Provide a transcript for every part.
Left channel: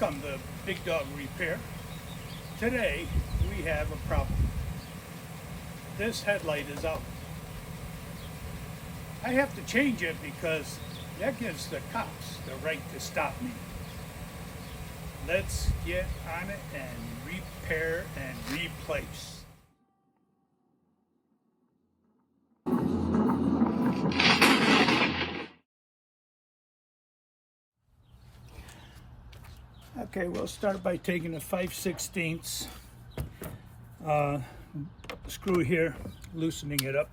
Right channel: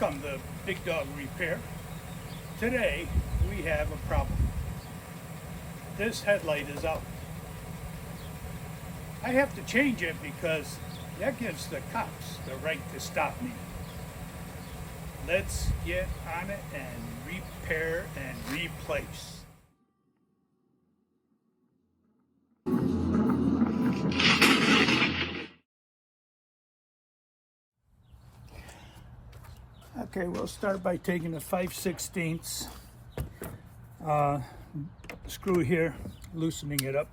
Welcome to Big Dog Repair. Today we have a problem. This headlight is out. I have to change it because that gives the cops the right to stop me. Let's get on it and repair and replace. Okay, we'll start by taking a 5/16 screw here, loosening it up.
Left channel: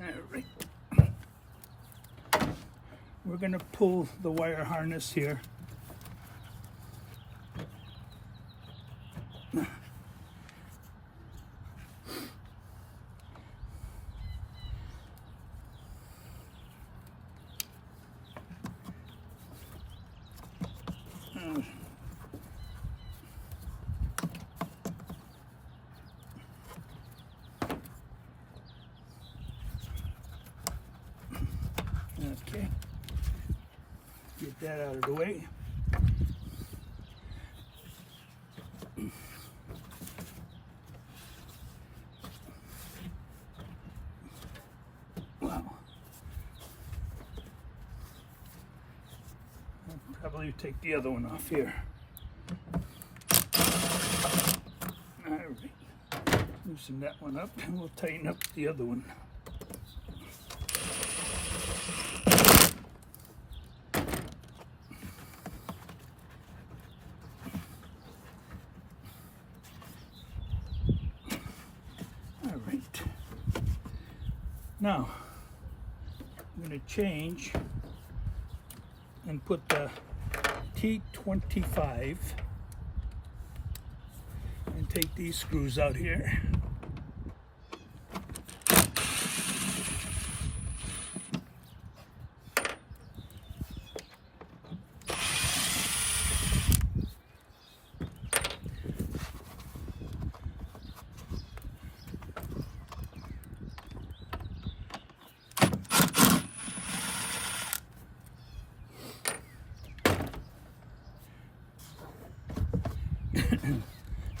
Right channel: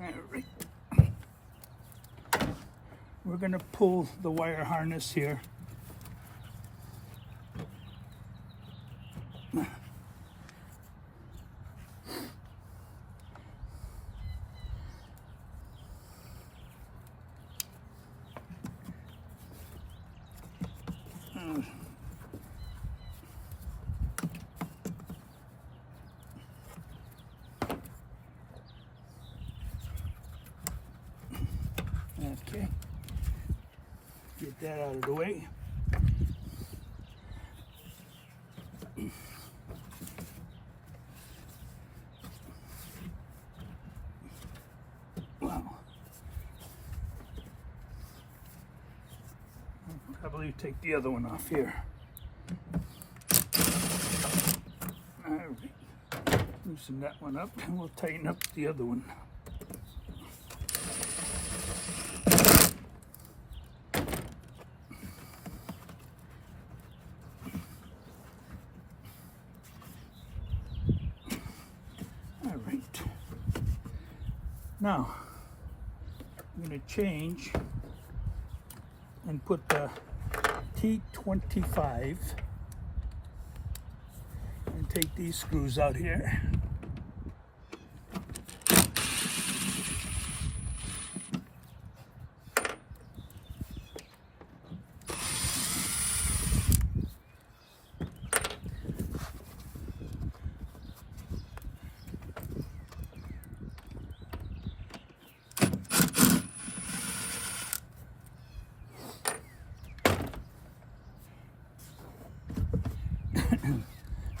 All right. We're going to pull the wire harness here. Okay, get that out of the way. Wow. I'll probably take the other one off here. All right, loosen that one up and we'll tighten up the other one. Now, I'm going to change and put the T25 and take these screws out here.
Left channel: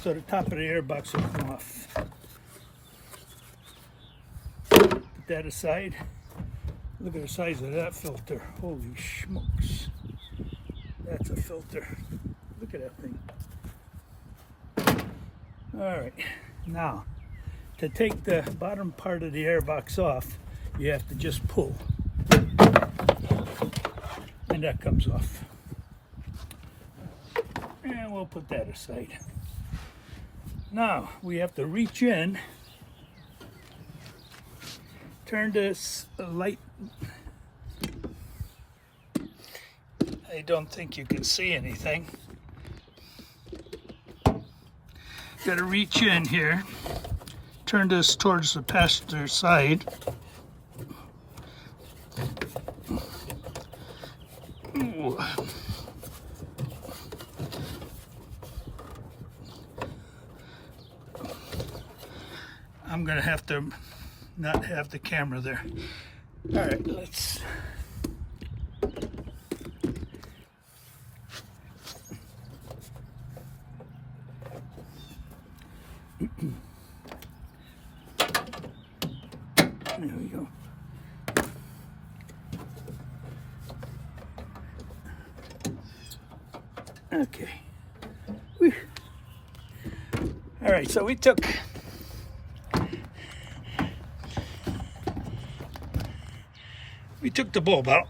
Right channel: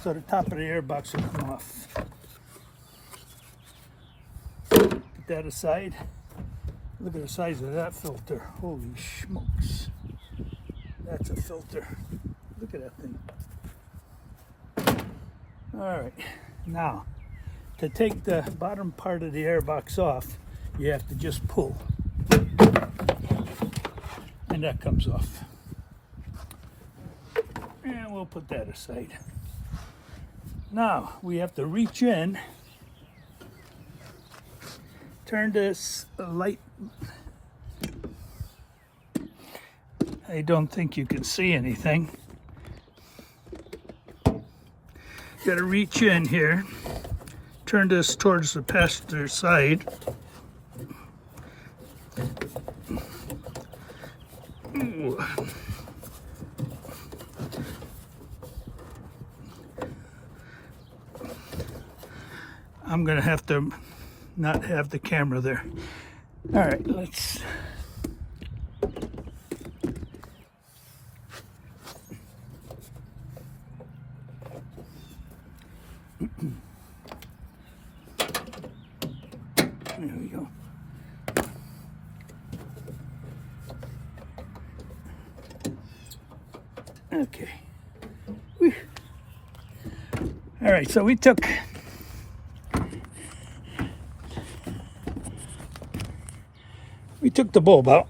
So the top of the airbox will come off. Put that aside. Look at the size of that filter. Holy smokes. That's a filter. Look at that thing. All right. Now, to take the bottom part of the airbox off, you have to just pull. And that comes off. And we'll put that aside. Now we have to reach in, turn this light. I don't think you can see anything. Got to reach in here, turn this towards the passenger side. Ooh. I'm going to have to not have the camera there. All right, let's... There we go. Okay. Whew. All right, so we took... the bulb out.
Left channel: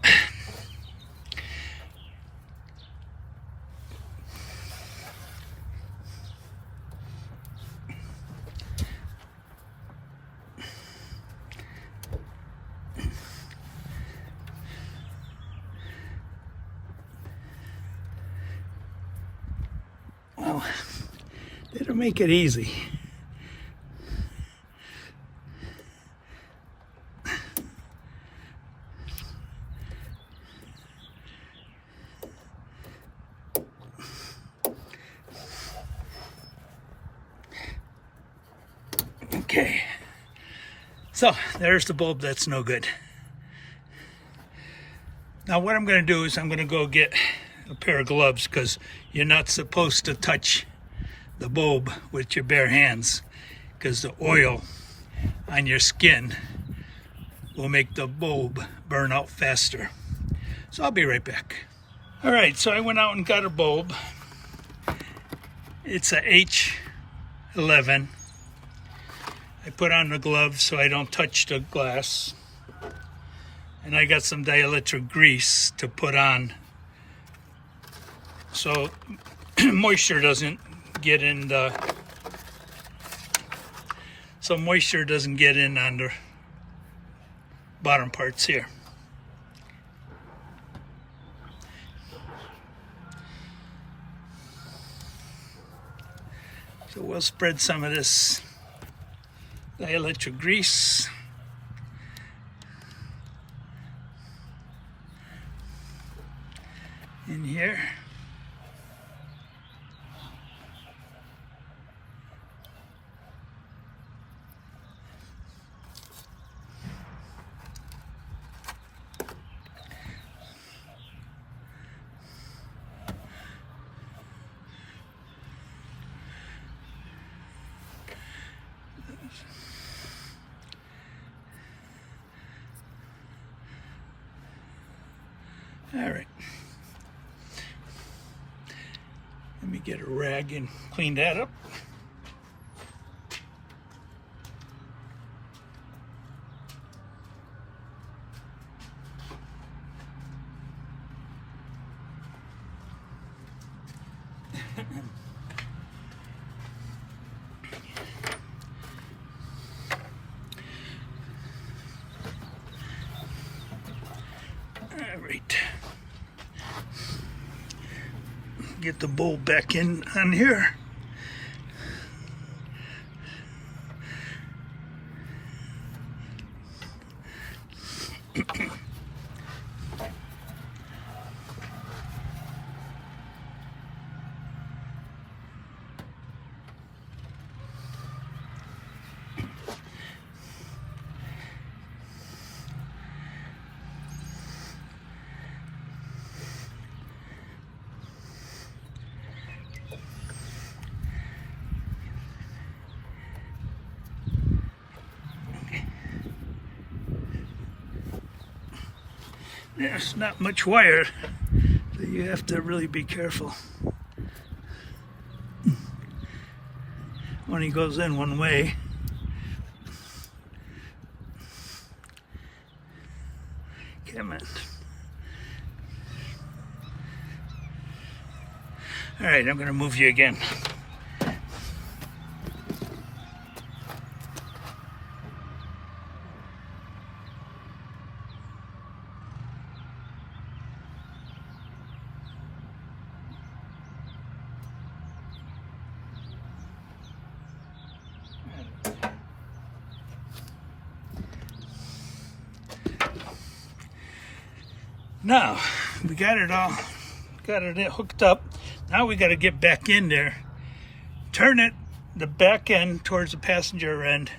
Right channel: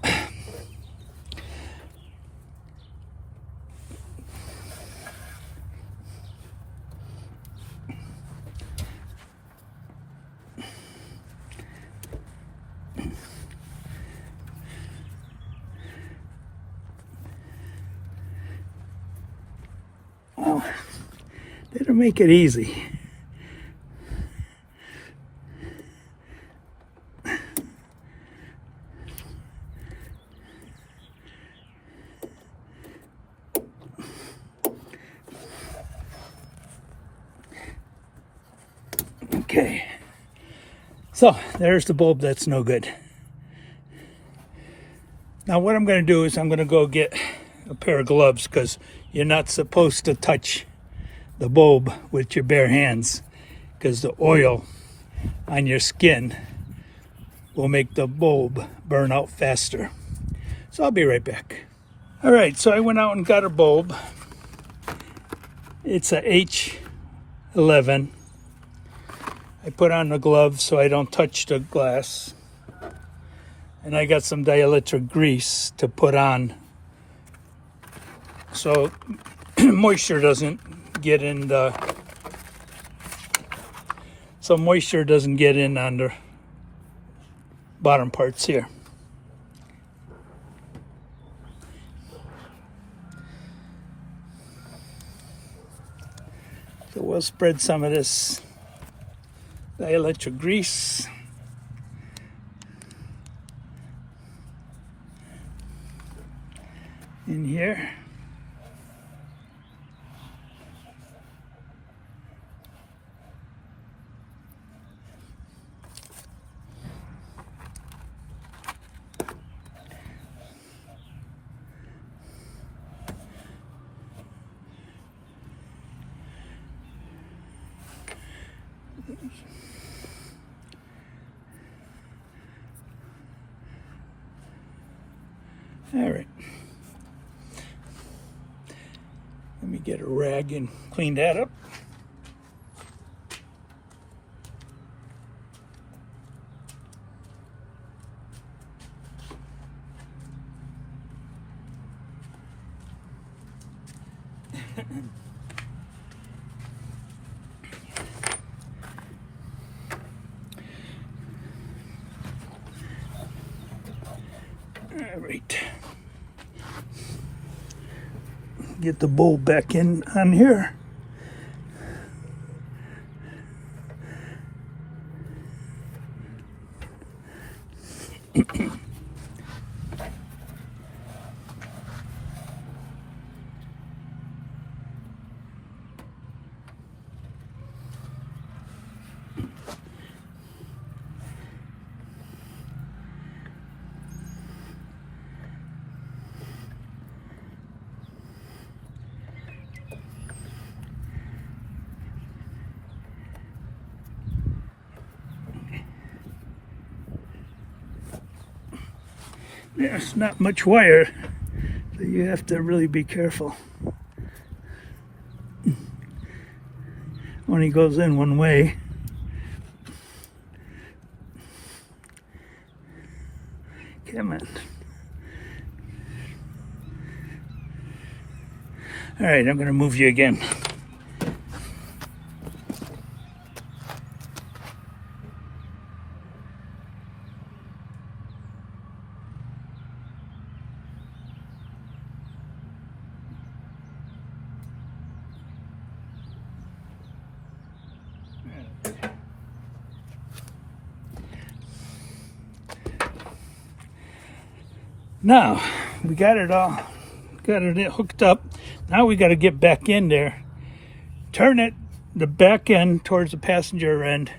Well, they don't make it easy. Okay, so there's the bulb that's no good. Now what I'm going to do is I'm going to go get a pair of gloves, because you're not supposed to touch the bulb with your bare hands, because the oil on your skin will make the bulb burn out faster. So I'll be right back. All right, so I went out and got a bulb. It's a H11. I put on the gloves so I don't touch the glass. And I got some dielectric grease to put on so moisture doesn't get in on the bottom parts here. So we'll spread some of this dielectric grease in here. All right. Let me get a rag and clean that up. All right. Get the bulb back in on here. There's not much wire, so you have to really be careful. Only goes in one way. Come on. All right, I'm going to move you again. Now, we got it hooked up. Now we got to get back in there, turn the back end towards the passenger end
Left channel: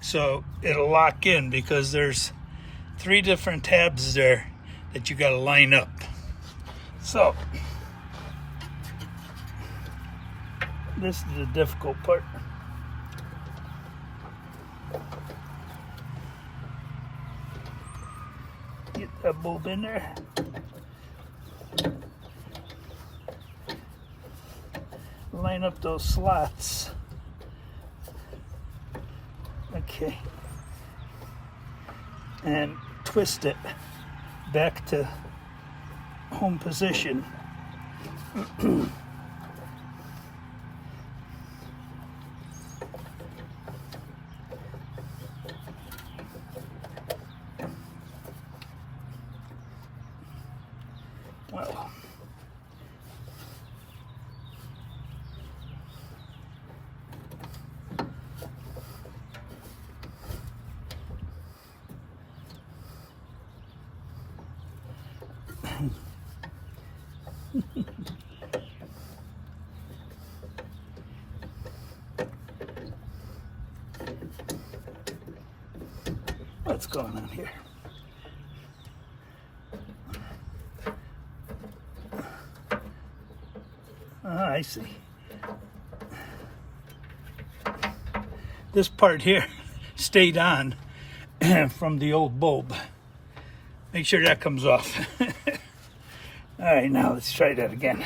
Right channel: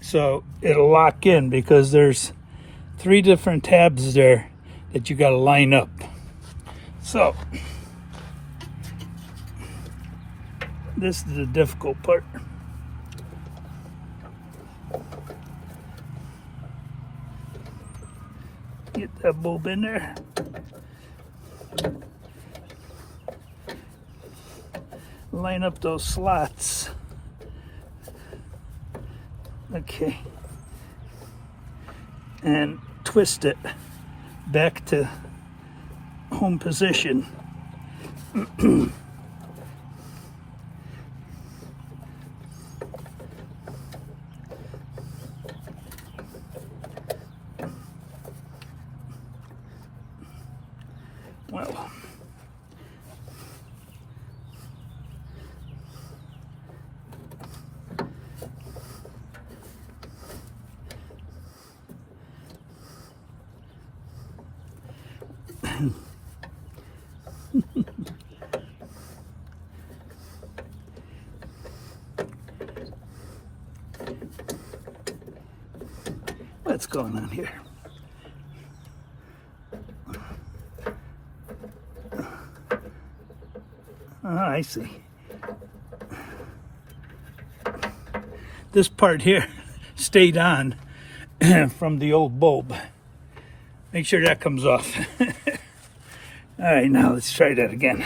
so it'll lock in, because there's 3 different tabs there that you got to line up. So, this is the difficult part. Get that bulb in there. Line up those slots. Okay. And twist it back to home position. Well, what's going on here? I see. This part here stayed on from the old bulb. Make sure that comes off. All right, now let's try that again.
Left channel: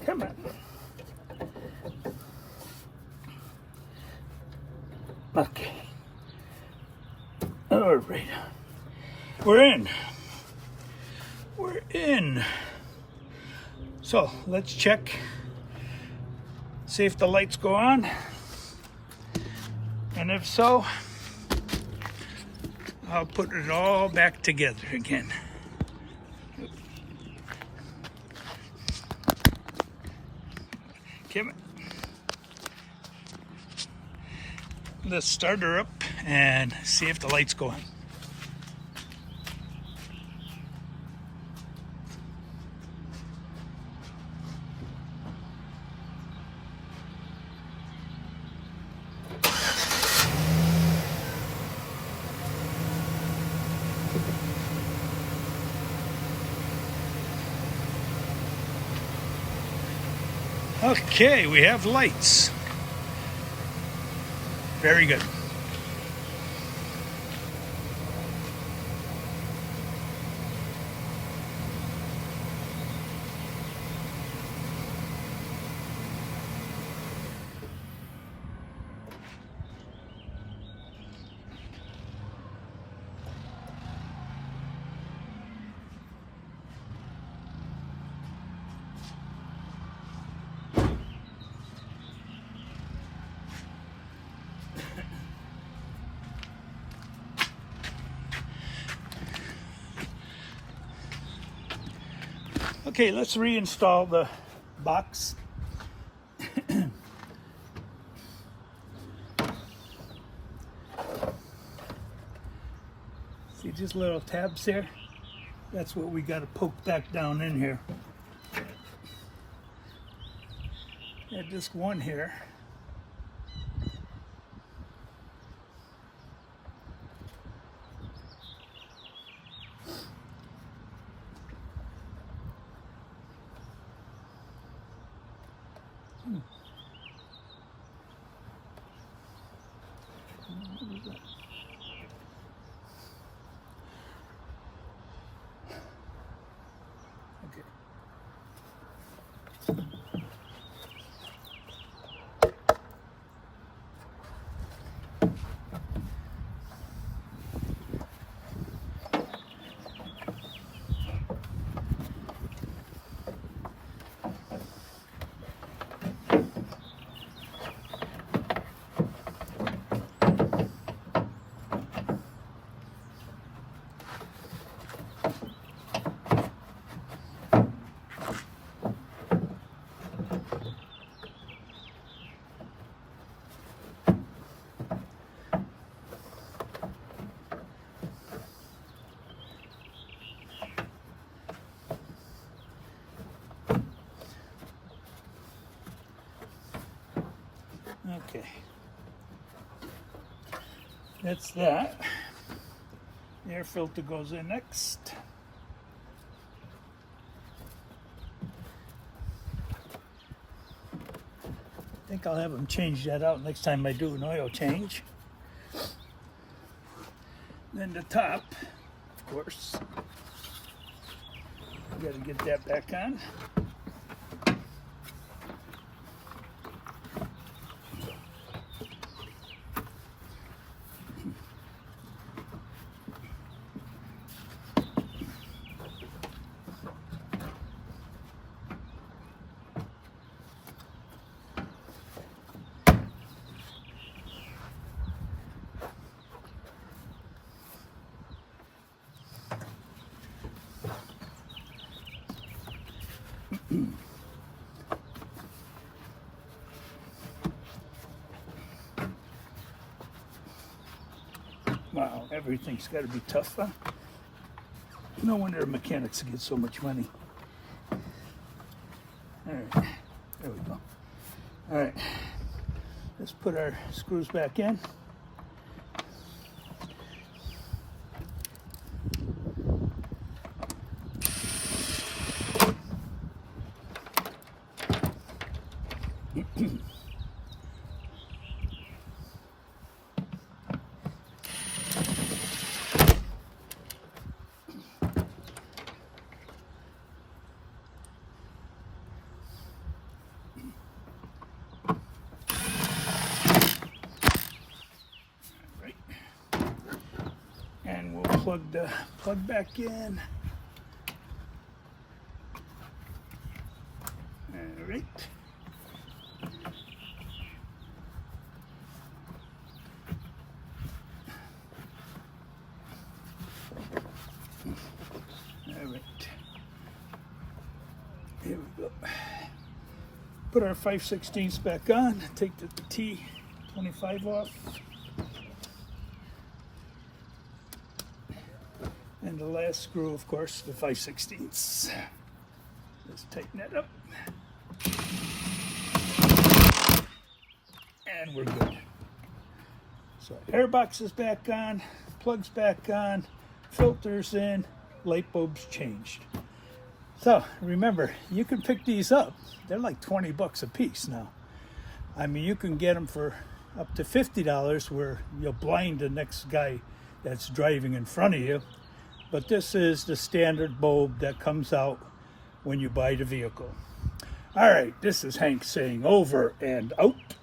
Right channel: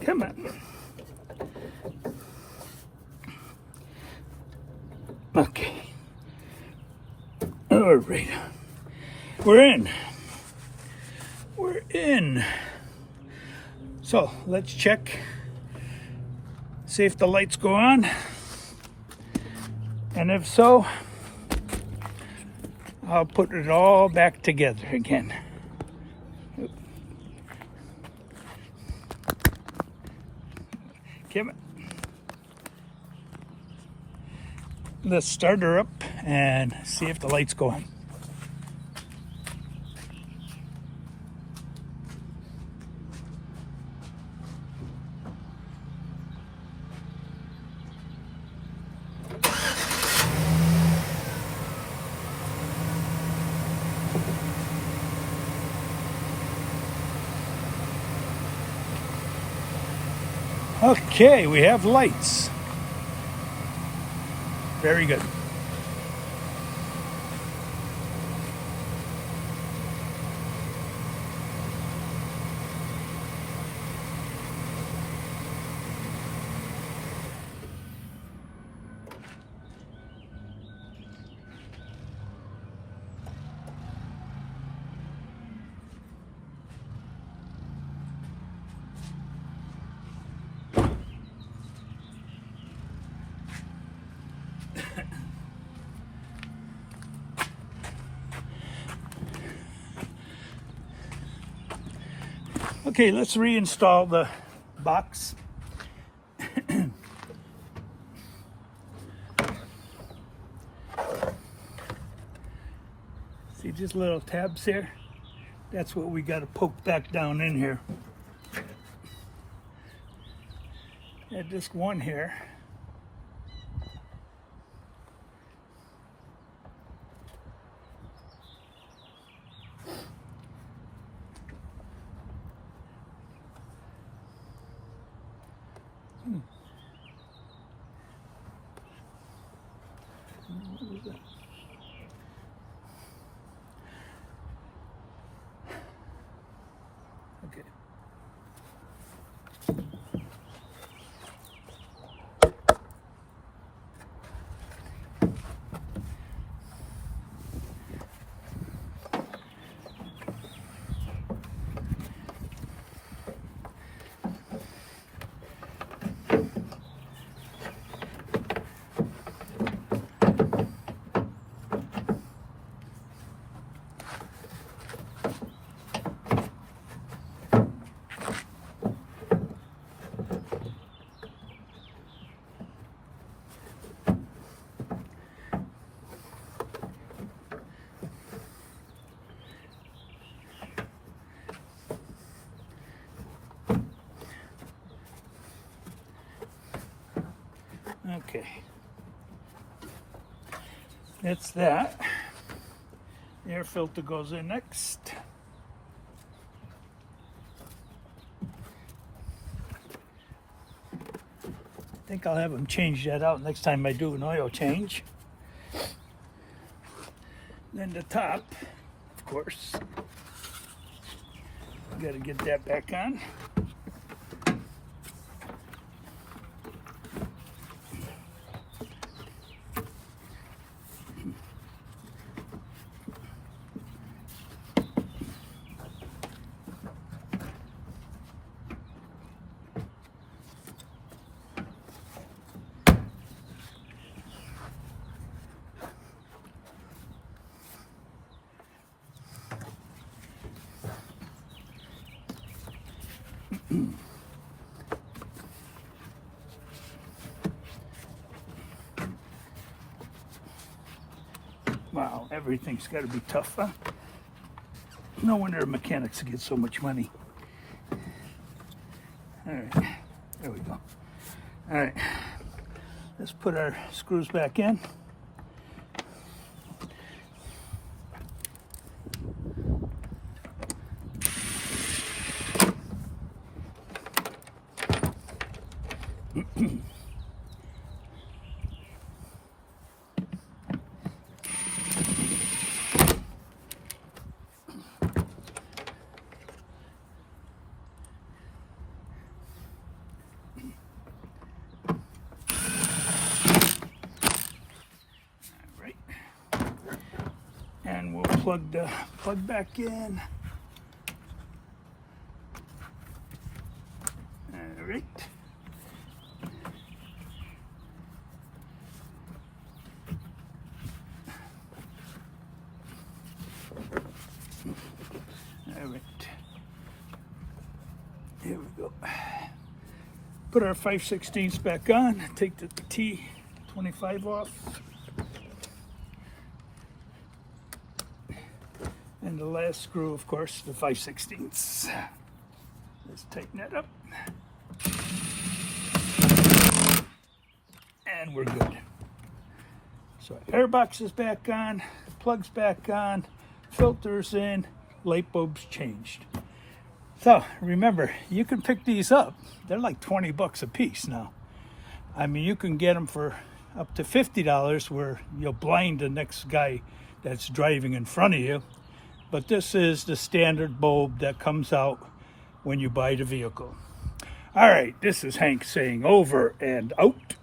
Come on. Okay. All right. We're in. We're in. So let's check. See if the lights go on. And if so, I'll put it all back together again. Come on. Let's start her up and see if the lights go on. Okay, we have lights. Very good. Okay, let's reinstall the box. See these little tabs here? That's what we got to poke back down in here. Got just one here. What is that? Okay. Okay, it's that. The air filter goes in next. I think I'll have them change that out next time I do an oil change. Then the top, of course, got to get that back on. Wow, everything's got to be tough, huh? No wonder mechanics get so much money. All right, there we go. All right, Let's put our screws back in. And we'll plug the plug back in. All right. All right. Here we go. Put our 5/16 back on. Take the T25 off. And the last screw, of course, the 5/16. Let's tighten that up. And we're good. So airbox is back on, plugs back on, filters in, light bulbs changed. So remember, you can pick these up. They're like 20 bucks a piece now. I mean, you can get them for up to $50 where you'll blind the next guy that's driving in front of you. But this is the standard bulb that comes out when you buy the vehicle. All right, this is Hank saying over and out.